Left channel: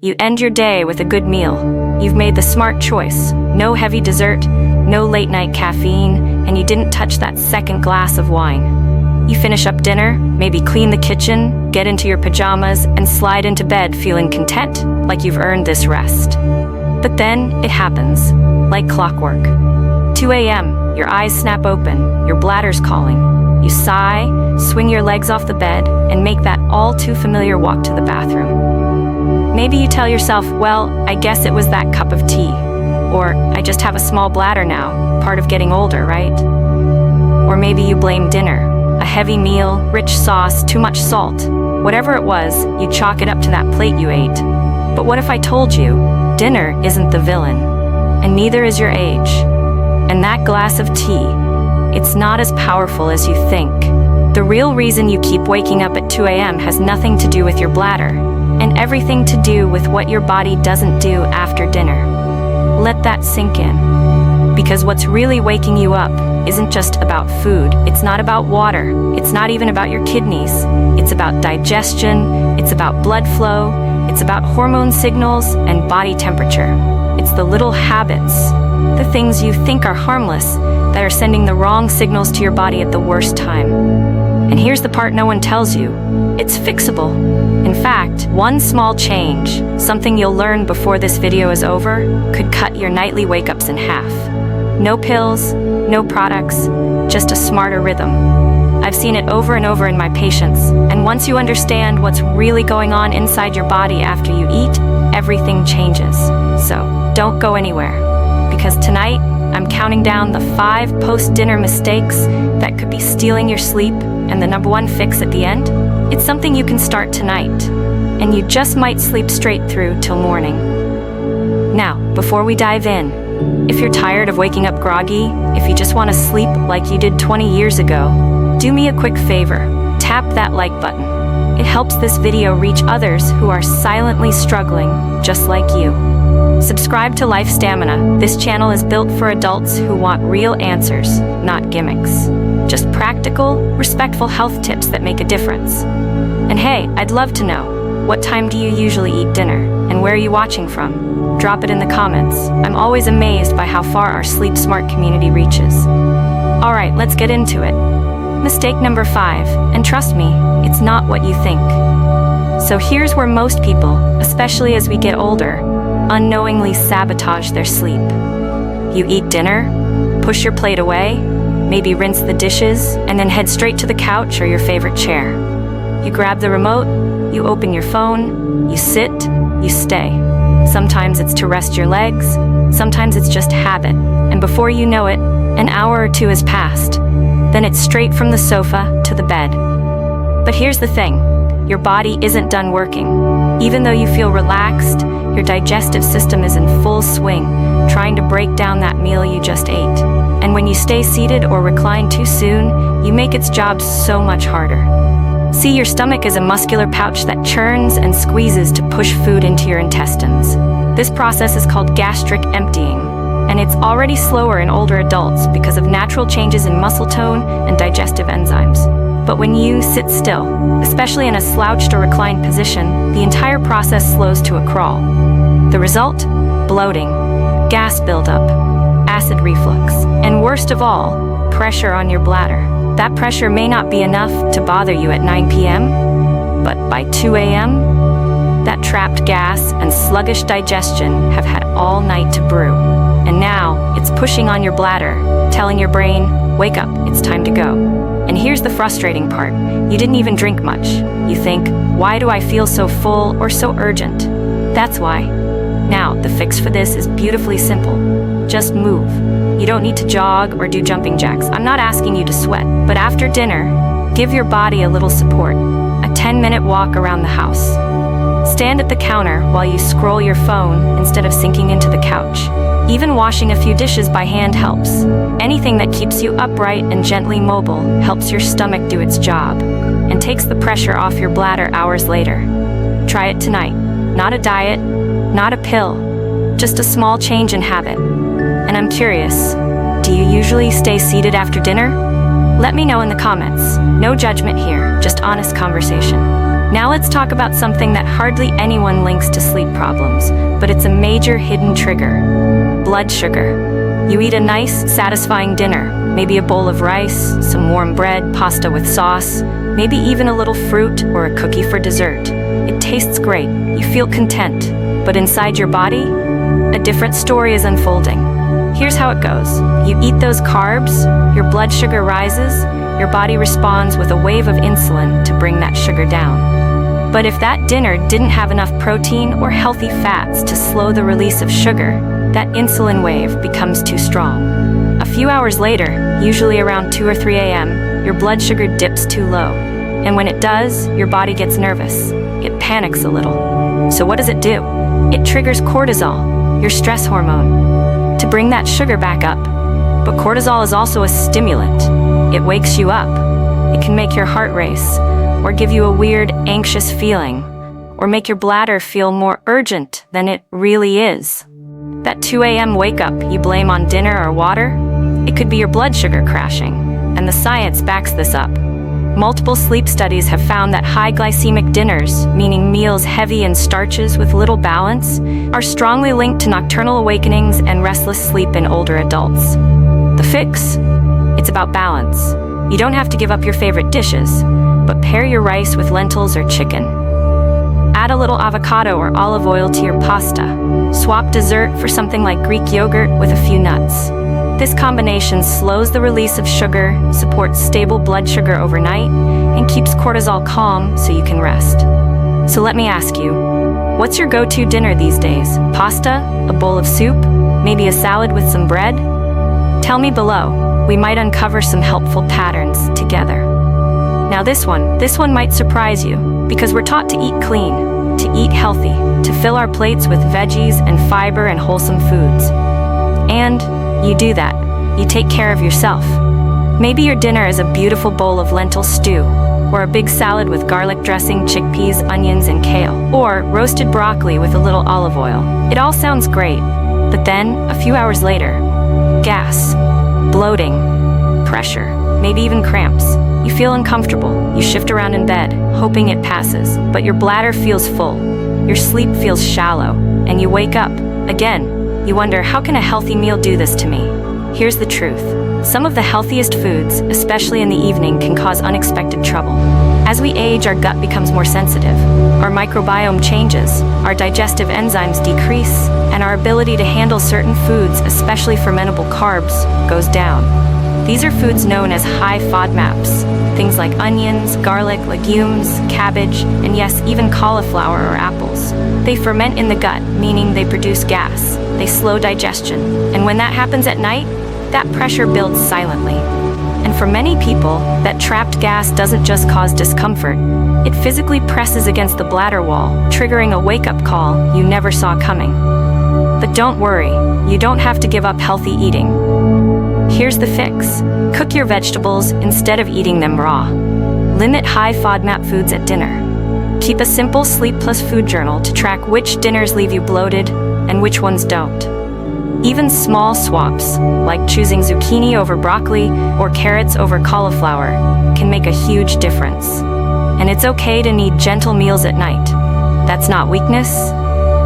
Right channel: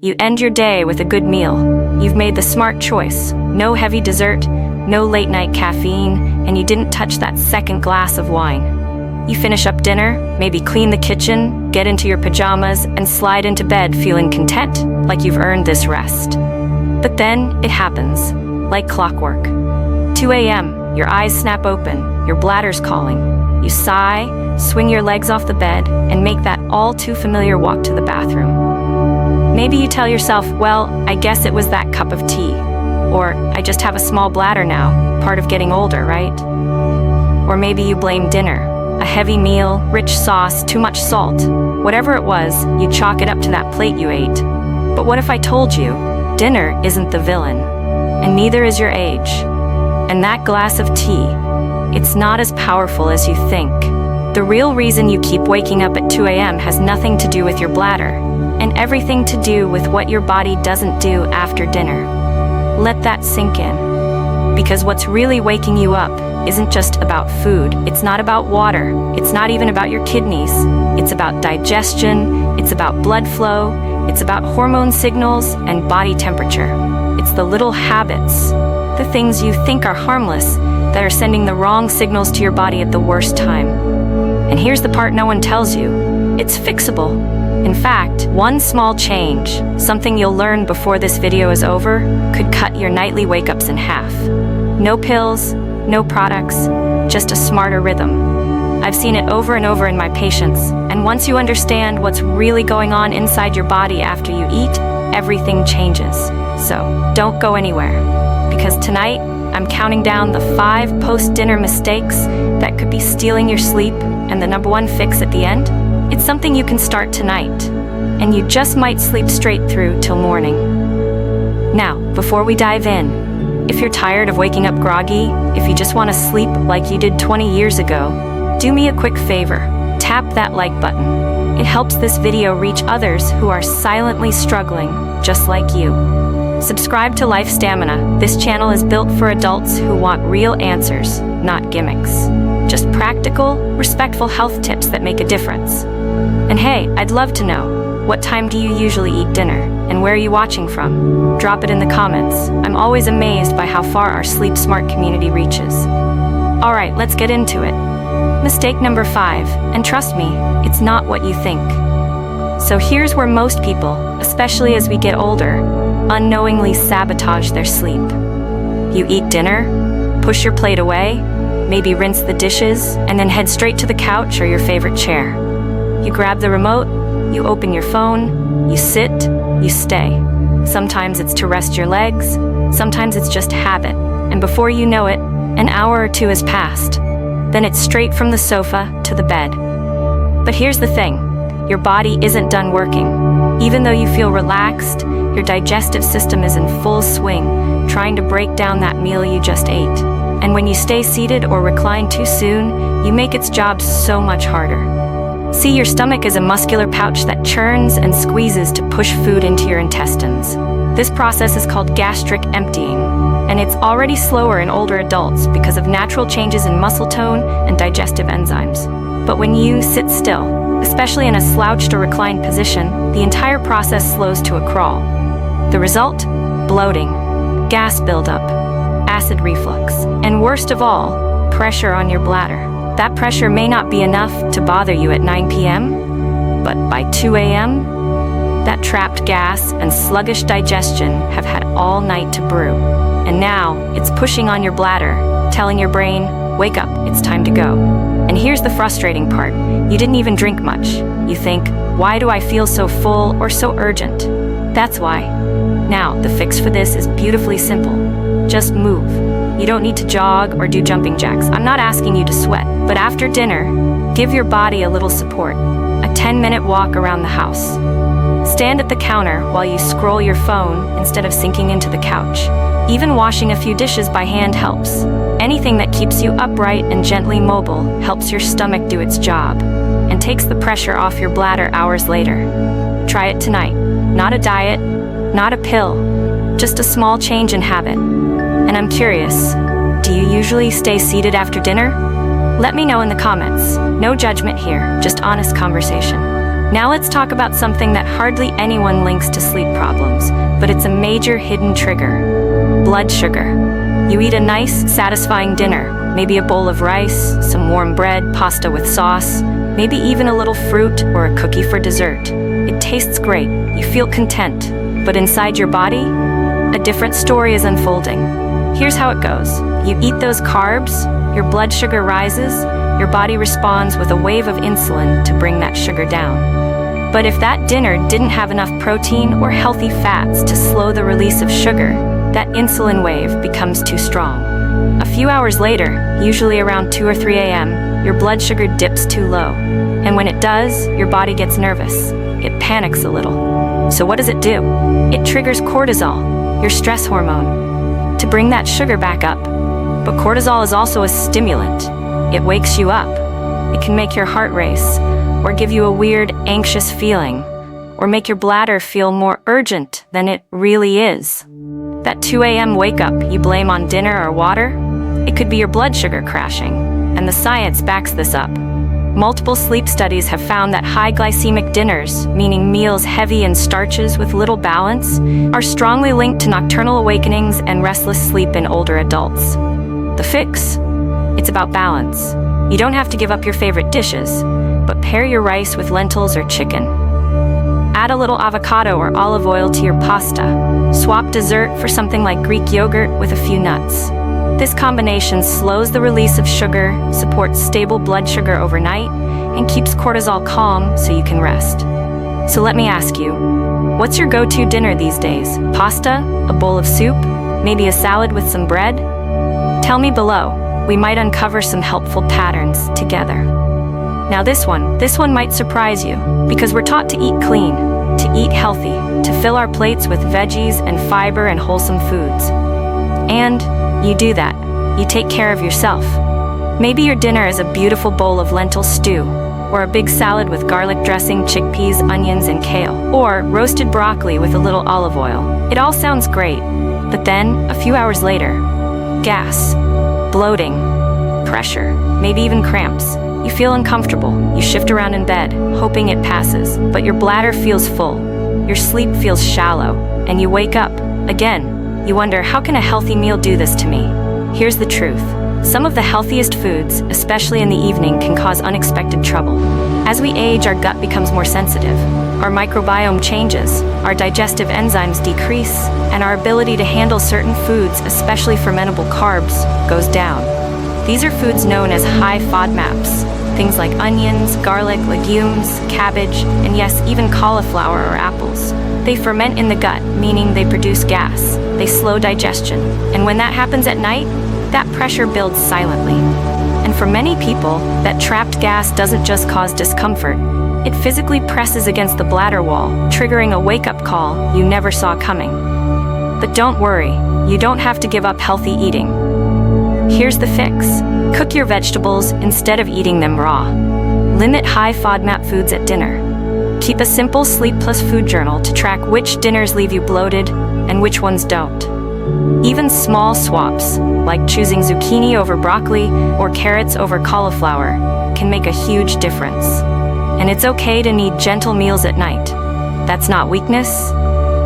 You end your day with a good meal. You've made the smart choice. No heavy dessert, no late-night caffeine, and you didn't touch that second glass of wine. You finish up dinner, maybe clean the kitchen, get into your pajamas, and slide into bed feeling content, like you've earned this rest. But then it happens, like clockwork. 2 a.m., your eyes snap open, your bladder's calling. You sigh, swing your legs off the bed, and make that all-too-familiar walk to the bathroom. Maybe you tell yourself, well, I guess it was that cup of tea. Or, I just have a small bladder now, part of getting older, right? Or maybe you blame dinner. A heavy meal, rich sauce, too much salt. Whatever it was, you chalk it up to that plate you ate. But what if I told you, dinner isn't the villain, and neither is your age. And that glass of tea, it's not as powerful as you think. The real reason you keep waking up at 2 a.m. has nothing to do with your bladder, and everything to do with what your body doesn't do after dinner. Let that sink in. Because what's really waking you up isn't just about food. It's not about water. It's not even about your kidneys. It's about digestion. It's about blood flow. It's about hormone signals and body temperature. It's the little habits, the things you think are harmless, that are sending the wrong signals to your body at the worst time. And here's the part no one tells you. It's fixable. In fact, one small change, something you'll learn before this video is over, could cut your nightly wake-ups in half. No pills, no products, just a smarter rhythm. I've seen it over and over in my patients, and once you understand what's really going on inside your body after you eat, everything changes. So, don't go anywhere, because tonight, I'm counting down the 5 post-dinner mistakes that could be stealing your sleep, and the #1 fix at the end? It's something you can start tonight, and you just might sleep straight through till morning. Now, before we dive in, if you're tired of waking up groggy, if you just want to sleep like you did 20 years ago, do me a quick favor, tap that like button. It helps this video reach others who are silently struggling, just like you. Subscribe to Life Stamina. This channel is built for adults who want real answers, not gimmicks. Just practical, respectful health tips that make a difference. And hey, I'd love to know, what time do you usually eat dinner, and where are you watching from? Drop it in the comments. I'm always amazed by how far our Sleep Smart community reaches. Alright, let's get into it. Mistake number 5, and trust me, it's not what you think. So here's where most people, especially as we get older, unknowingly sabotage their sleep. You eat dinner, push your plate away, maybe rinse the dishes, and then head straight to the couch or your favorite chair. You grab the remote, you open your phone, you sit, you stay. Sometimes it's to rest your legs, sometimes it's just habit, and before you know it, an hour or 2 has passed. Then it's straight from the sofa to the bed. But here's the thing, your body isn't done working. Even though you feel relaxed, your digestive system is in full swing, trying to break down that meal you just ate. And when you stay seated or recline too soon, you make its job so much harder. See, your stomach is a muscular pouch that churns and squeezes to push food into your intestines. This process is called gastric emptying, and it's already slower in older adults because of natural changes in muscle tone and digestive enzymes. But when you sit still, especially in a slouched or reclined position, the entire process slows to a crawl. The result? Bloating, gas buildup, acid reflux, and worst of all, pressure on your bladder. That pressure may not be enough to bother you at 9 p.m., but by 2 a.m., that trapped gas and sluggish digestion have had all night to brew. And now, it's pushing on your bladder, telling your brain, wake up, it's time to go. And here's the frustrating part. You didn't even drink much. You think, why do I feel so full or so urgent? That's why. Now, the fix for this is beautifully simple. Just move. You don't need to jog or do jumping jacks. I'm not asking you to sweat, but after dinner, give your body a little support. A 10-minute walk around the house. Stand at the counter while you scroll your phone instead of sinking into the couch. Even washing a few dishes by hand helps. Anything that keeps you upright and gently mobile helps your stomach do its job and takes the pressure off your bladder hours later. Try it tonight. Not a diet, not a pill, just a small change in habit. And I'm curious, do you usually stay seated after dinner? Let me know in the comments. No judgment here, just honest conversation. Now let's talk about something that hardly anyone links to sleep problems, but it's a major hidden trigger: blood sugar. You eat a nice, satisfying dinner, maybe a bowl of rice, some warm bread, pasta with sauce, maybe even a little fruit or a cookie for dessert. It tastes great, you feel content, but inside your body, a different story is unfolding. Here's how it goes. You eat those carbs, your blood sugar rises, your body responds with a wave of insulin to bring that sugar down. But if that dinner didn't have enough protein or healthy fats to slow the release of sugar, that insulin wave becomes too strong. A few hours later, usually around 2 or 3 a.m., your blood sugar dips too low. And when it does, your body gets nervous. It panics a little. So what does it do? It triggers cortisol, your stress hormone, to bring that sugar back up. But cortisol is also a stimulant. It wakes you up. It can make your heart race, or give you a weird, anxious feeling, or make your bladder feel more urgent than it really is. That 2 a.m. wake up you blame on dinner or water, it could be your blood sugar crashing, and the science backs this up. Multiple sleep studies have found that high glycemic dinners, meaning meals heavy in starches with little balance, are strongly linked to nocturnal awakenings and restless sleep in older adults. The fix? It's about balance. You don't have to give up your favorite dishes, but pair your rice with lentils or chicken. Add a little avocado or olive oil to your pasta. Swap dessert for something like Greek yogurt with a few nuts. This combination slows the release of sugar, supports stable blood sugar overnight, and keeps cortisol calm so you can rest. So let me ask you, what's your go-to dinner these days? Pasta? A bowl of soup? Maybe a salad with some bread? Tell me below. We might uncover some helpful patterns together. Now this one might surprise you, because we're taught to eat clean, to eat healthy, to fill our plates with veggies and fiber and wholesome foods. And you do that. You take care of yourself. Maybe your dinner is a beautiful bowl of lentil stew, or a big salad with garlic dressing, chickpeas, onions, and kale, or roasted broccoli with a little olive oil. It all sounds great, but then, a few hours later, gas, bloating, pressure, maybe even cramps. You feel uncomfortable. You shift around in bed, hoping it passes, but your bladder feels full. Your sleep feels shallow, and you wake up. Again, you wonder, how can a healthy meal do this to me? Here's the truth. Some of the healthiest foods, especially in the evening, can cause unexpected trouble. As we age, our gut becomes more sensitive. Our microbiome changes, our digestive enzymes decrease, and our ability to handle certain foods, especially fermentable carbs, goes down. These are foods known as high FODMAPs, things like onions, garlic, legumes, cabbage, and yes, even cauliflower or apples. They ferment in the gut, meaning they produce gas. They slow digestion. And when that happens at night, that pressure builds silently. And for many people, that trapped gas doesn't just cause discomfort. It physically presses against the bladder wall, triggering a wake-up call you never saw coming. But don't worry, you don't have to give up healthy eating. Here's the fix. Cook your vegetables instead of eating them raw. Limit high FODMAP foods at dinner. Keep a simple sleep plus food journal to track which dinners leave you bloated and which ones don't. Even small swaps, like choosing zucchini over broccoli or carrots over cauliflower, can make a huge difference. And it's okay to need gentle meals at night. That's not weakness,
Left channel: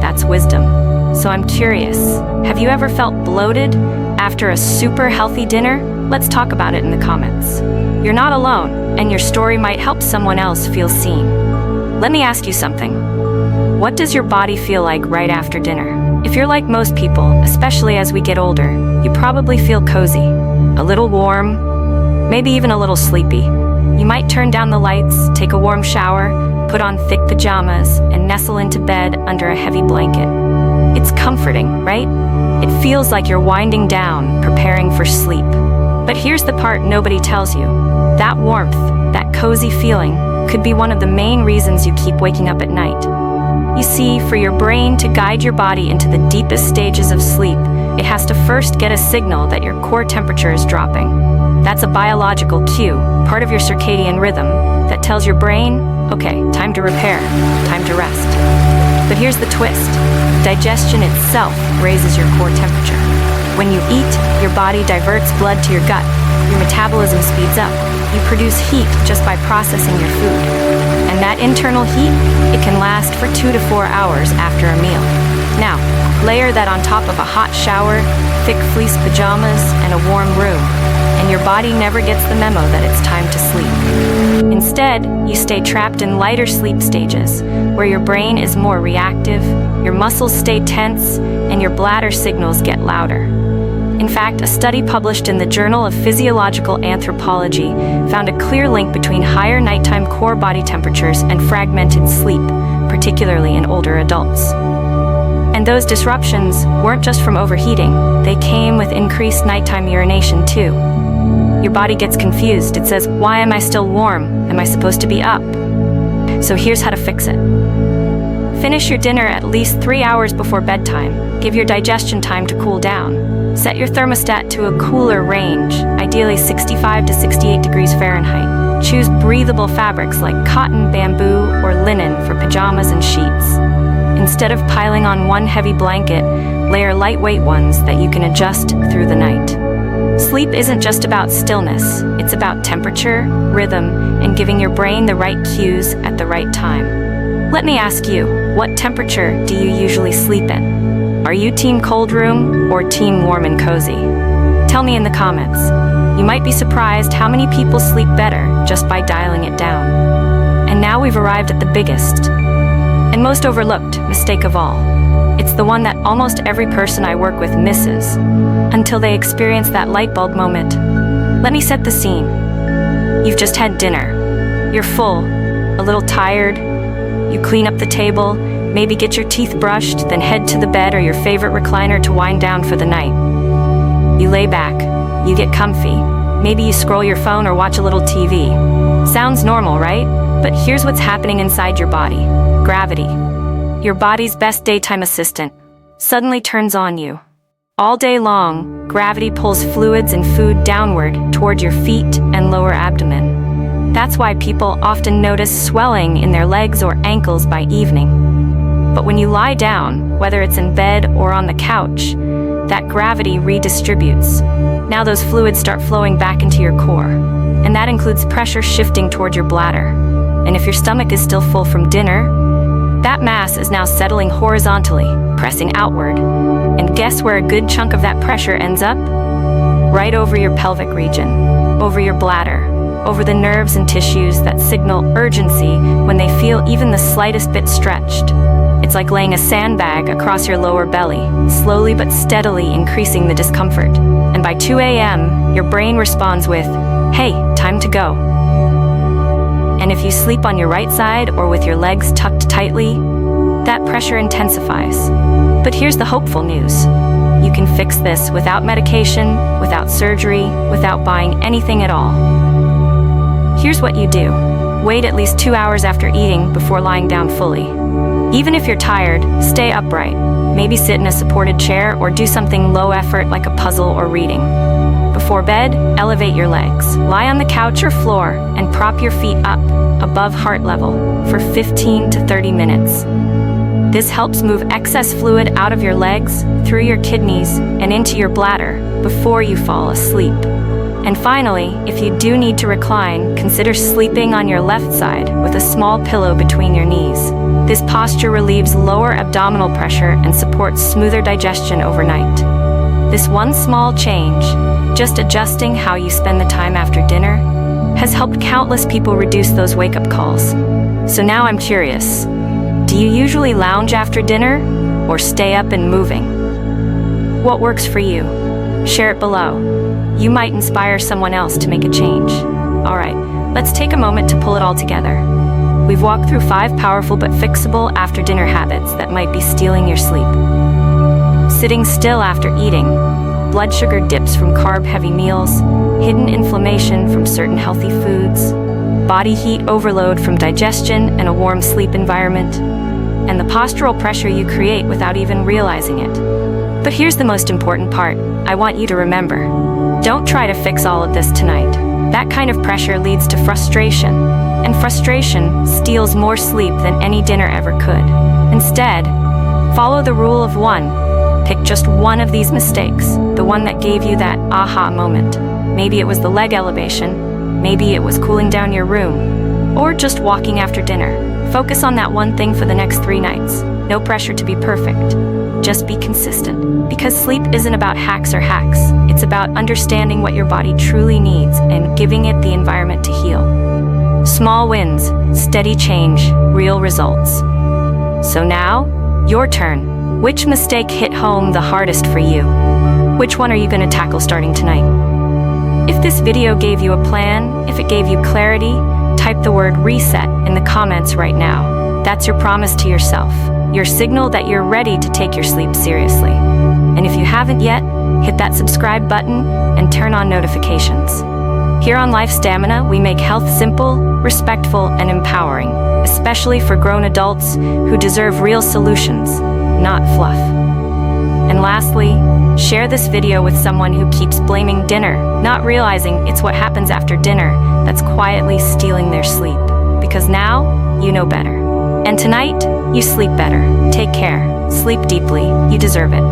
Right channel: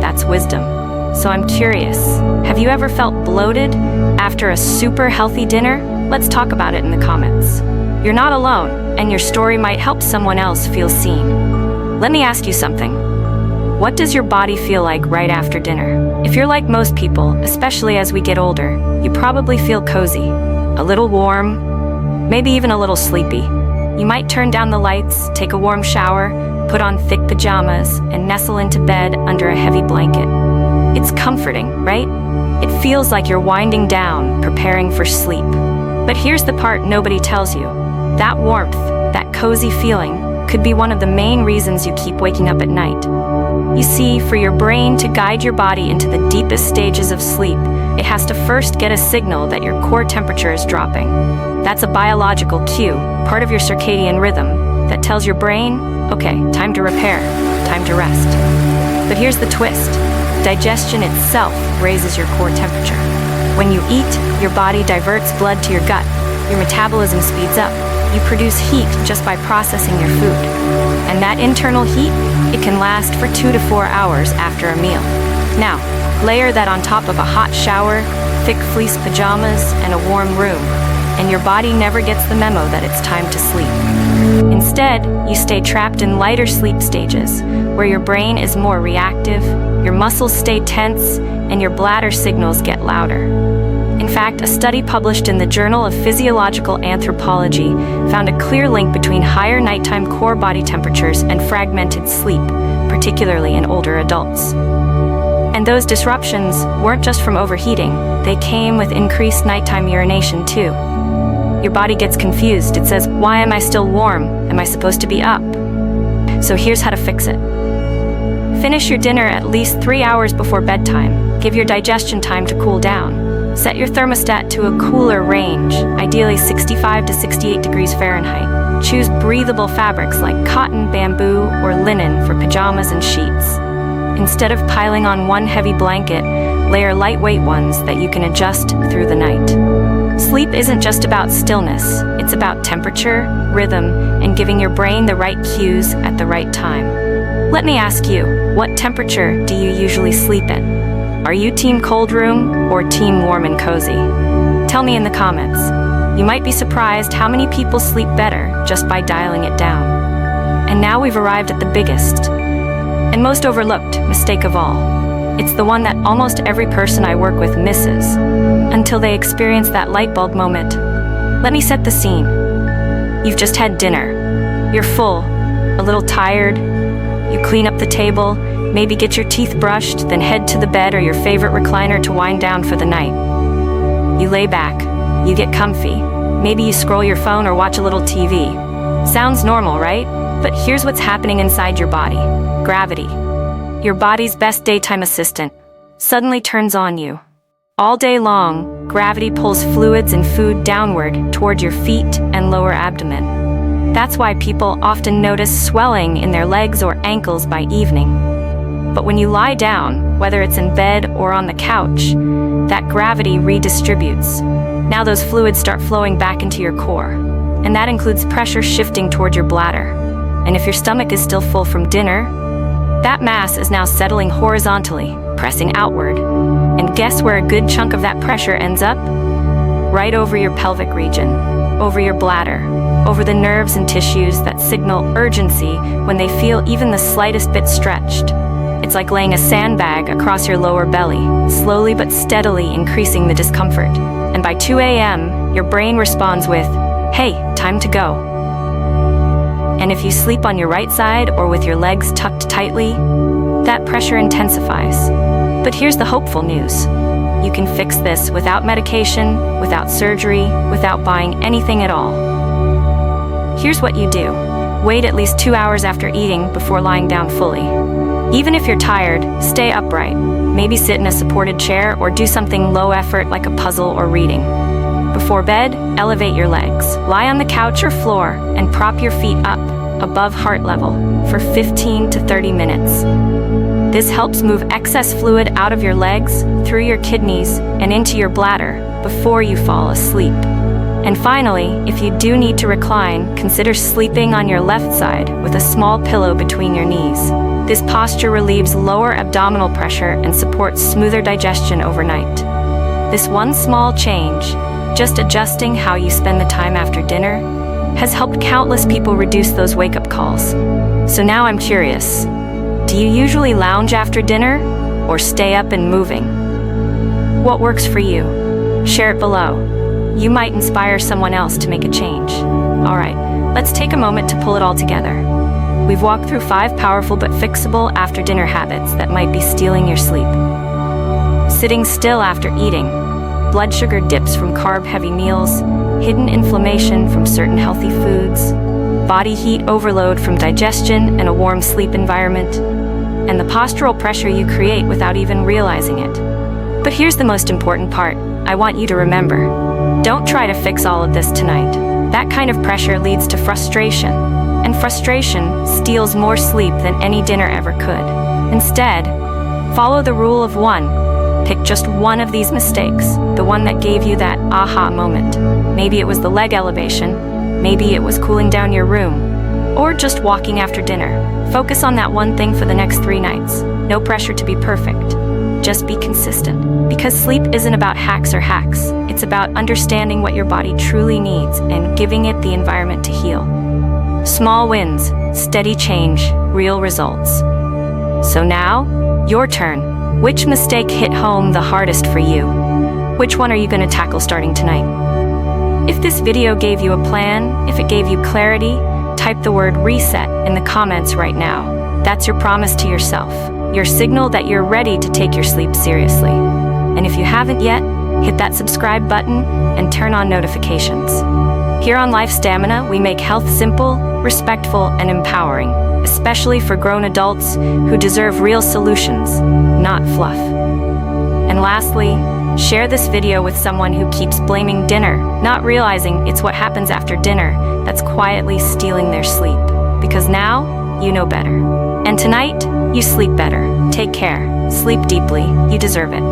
that's wisdom. So I'm curious, have you ever felt bloated after a super healthy dinner? Let's talk about it in the comments. You're not alone, and your story might help someone else feel seen. Let me ask you something. What does your body feel like right after dinner? If you're like most people, especially as we get older, you probably feel cozy, a little warm, maybe even a little sleepy. You might turn down the lights, take a warm shower, put on thick pajamas, and nestle into bed under a heavy blanket. It's comforting, right? It feels like you're winding down, preparing for sleep. But here's the part nobody tells you. That warmth, that cozy feeling, could be one of the main reasons you keep waking up at night. You see, for your brain to guide your body into the deepest stages of sleep, it has to first get a signal that your core temperature is dropping. That's a biological cue, part of your circadian rhythm, that tells your brain, okay, time to repair, time to rest. But here's the twist. Digestion itself raises your core temperature. When you eat, your body diverts blood to your gut. Your metabolism speeds up. You produce heat just by processing your food. And that internal heat, it can last for 2 to 4 hours after a meal. Now, layer that on top of a hot shower, thick fleece pajamas, and a warm room, and your body never gets the memo that it's time to sleep. Instead, you stay trapped in lighter sleep stages, where your brain is more reactive, your muscles stay tense, and your bladder signals get louder. In fact, a study published in the Journal of Physiological Anthropology found a clear link between higher nighttime core body temperatures and fragmented sleep, particularly in older adults. And those disruptions weren't just from overheating, they came with increased nighttime urination too. Your body gets confused. It says, why am I still warm? Am I supposed to be up? So here's how to fix it. Finish your dinner at least 3 hours before bedtime. Give your digestion time to cool down. Set your thermostat to a cooler range, ideally 65 to 68 degrees Fahrenheit. Choose breathable fabrics like cotton, bamboo, or linen for pajamas and sheets. Instead of piling on one heavy blanket, layer lightweight ones that you can adjust through the night. Sleep isn't just about stillness, it's about temperature, rhythm, and giving your brain the right cues at the right time. Let me ask you, what temperature do you usually sleep in? Are you team cold room or team warm and cozy? Tell me in the comments. You might be surprised how many people sleep better just by dialing it down. And now we've arrived at the biggest and most overlooked mistake of all. It's the one that almost every person I work with misses, until they experience that light bulb moment. Let me set the scene. You've just had dinner. You're full, a little tired. You clean up the table, maybe get your teeth brushed, then head to the bed or your favorite recliner to wind down for the night. You lay back, you get comfy. Maybe you scroll your phone or watch a little TV. Sounds normal, right? But here's what's happening inside your body. Gravity, your body's best daytime assistant, suddenly turns on you. All day long, gravity pulls fluids and food downward toward your feet and lower abdomen. That's why people often notice swelling in their legs or ankles by evening. But when you lie down, whether it's in bed or on the couch, that gravity redistributes. Now those fluids start flowing back into your core, and that includes pressure shifting toward your bladder. And if your stomach is still full from dinner, that mass is now settling horizontally, pressing outward. And guess where a good chunk of that pressure ends up? Right over your pelvic region, over your bladder, over the nerves and tissues that signal urgency when they feel even the slightest bit stretched. It's like laying a sandbag across your lower belly, slowly but steadily increasing the discomfort. And by 2 a.m., your brain responds with, hey, time to go. And if you sleep on your right side or with your legs tucked tightly, that pressure intensifies. But here's the hopeful news. You can fix this without medication, without surgery, without buying anything at all. Here's what you do. Wait at least 2 hours after eating before lying down fully. Even if you're tired, stay upright. Maybe sit in a supported chair or do something low effort like a puzzle or reading. Before bed, elevate your legs. Lie on the couch or floor and prop your feet up, above heart level, for 15 to 30 minutes. This helps move excess fluid out of your legs, through your kidneys, and into your bladder before you fall asleep. And finally, if you do need to recline, consider sleeping on your left side with a small pillow between your knees. This posture relieves lower abdominal pressure and supports smoother digestion overnight. This one small change, just adjusting how you spend the time after dinner, has helped countless people reduce those wake-up calls. So now I'm curious, do you usually lounge after dinner or stay up and moving? What works for you? Share it below. You might inspire someone else to make a change. All right, let's take a moment to pull it all together. We've walked through 5 powerful but fixable after-dinner habits that might be stealing your sleep. Sitting still after eating, blood sugar dips from carb-heavy meals, hidden inflammation from certain healthy foods, body heat overload from digestion and a warm sleep environment, and the postural pressure you create without even realizing it. But here's the most important part. I want you to remember. Don't try to fix all of this tonight. That kind of pressure leads to frustration, and frustration steals more sleep than any dinner ever could. Instead, follow the rule of 1. Pick just one of these mistakes, the one that gave you that aha moment. Maybe it was the leg elevation, maybe it was cooling down your room, or just walking after dinner. Focus on that one thing for the next 3 nights. No pressure to be perfect. Just be consistent. Because sleep isn't about hacks or hacks. It's about understanding what your body truly needs and giving it the environment to heal. Small wins, steady change, real results. So now, your turn. Which mistake hit home the hardest for you? Which one are you going to tackle starting tonight? If this video gave you a plan, if it gave you clarity, type the word reset in the comments right now. That's your promise to yourself, your signal that you're ready to take your sleep seriously. And if you haven't yet, hit that subscribe button and turn on notifications. Here on Life Stamina, we make health simple, respectful, and empowering, especially for grown adults who deserve real solutions, not fluff. And lastly, share this video with someone who keeps blaming dinner, not realizing it's what happens after dinner that's quietly stealing their sleep. Because now, you know better. And tonight, you sleep better. Take care. Sleep deeply. You deserve it.